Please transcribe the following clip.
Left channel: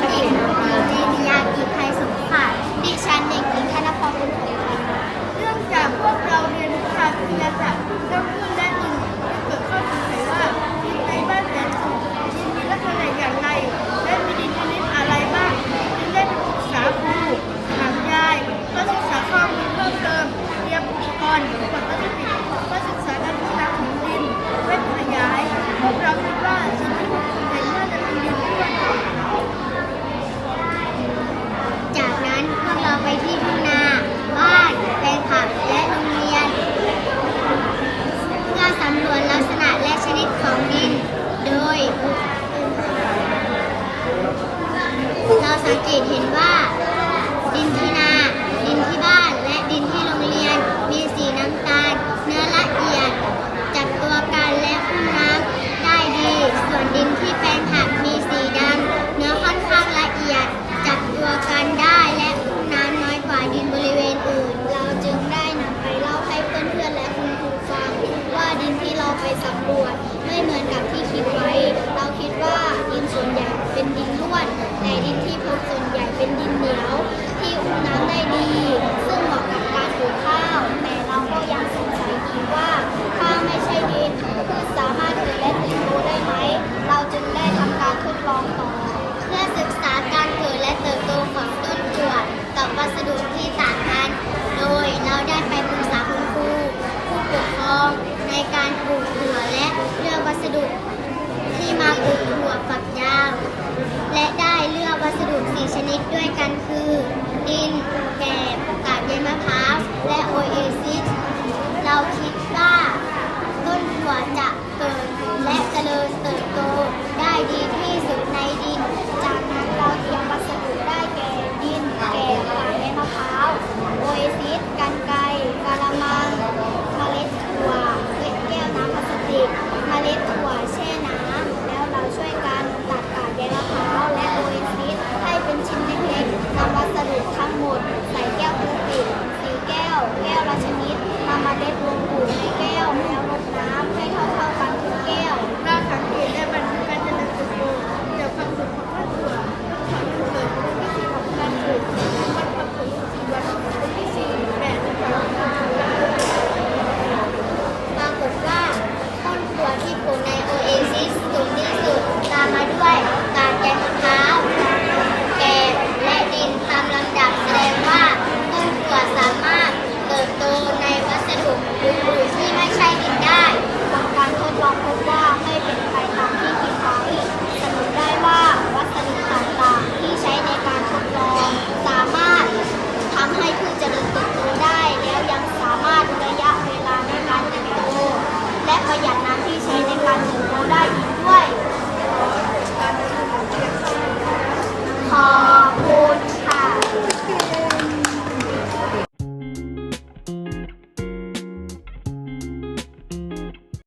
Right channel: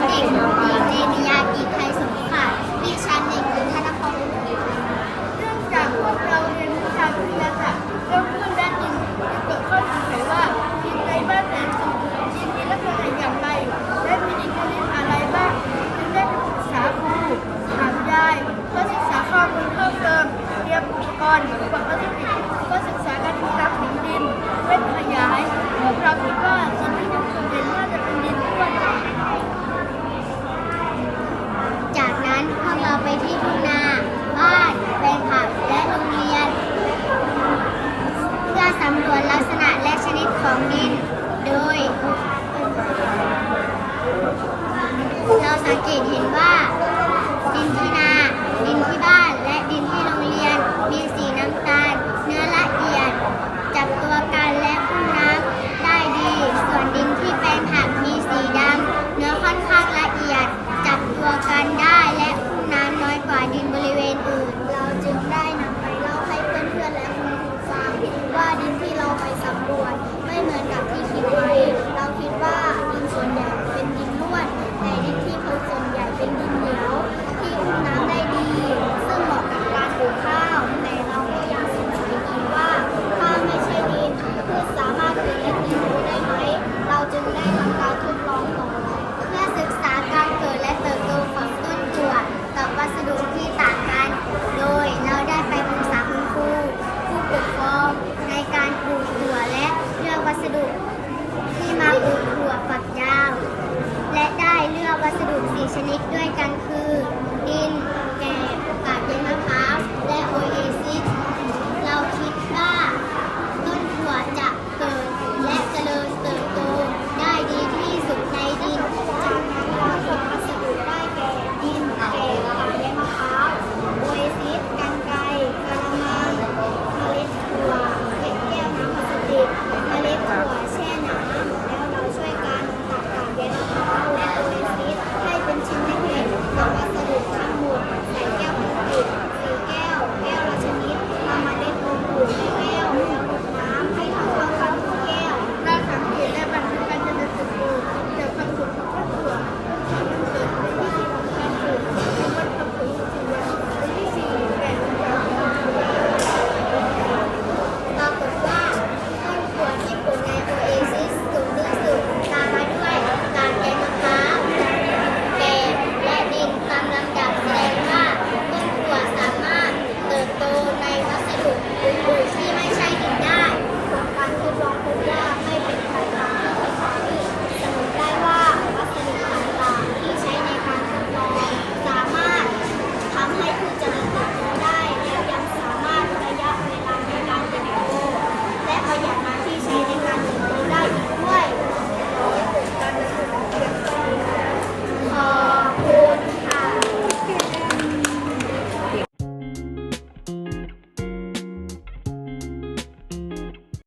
เด็กเดนิยากีไทยสงขาดิฉันเด็กหญิงธนพรบุญเผยเรื่องจากพวกเราเรียนวิชาวิทยาศาสตร์เรื่องขึ้นด้านหนึ่งเกิดข้อสงสัยว่าดินในบ้านแสนสูงจีนมีลักษณะอย่างไร และมีดินชนิดอะไรบ้างจึงได้ไปปรึกษาครูถามยายเพื่อศึกษาข้อมูลเพิ่มเติมเตรียมอุปกรณ์ สังเกตเห็นว่า ดินที่นา ดินที่บ้าน และดินที่โรงเรียน มีสีน้ำตาล เนื้อละเอียด จับตัวกันและอุ้มน้ำได้ดี ส่วนดินที่แปลงผักมีสีดำ เนื้อค่อนข้างละเอียด จับตัวกันได้และอุ้มน้ำน้อยกว่าดินบริเวณอื่น เราจึงได้นำไปเล่าให้เพื่อนๆและคุณครูฟัง ว่าดินที่เราไปสำรวจไม่เหมือน ดุที่มาปลูกถั่วฝักยาว และได้เลือกวัสดุสี่ชนิดด้วยกันคือ ดิน แกบกาบใยมะพร้าว และโอเอซิส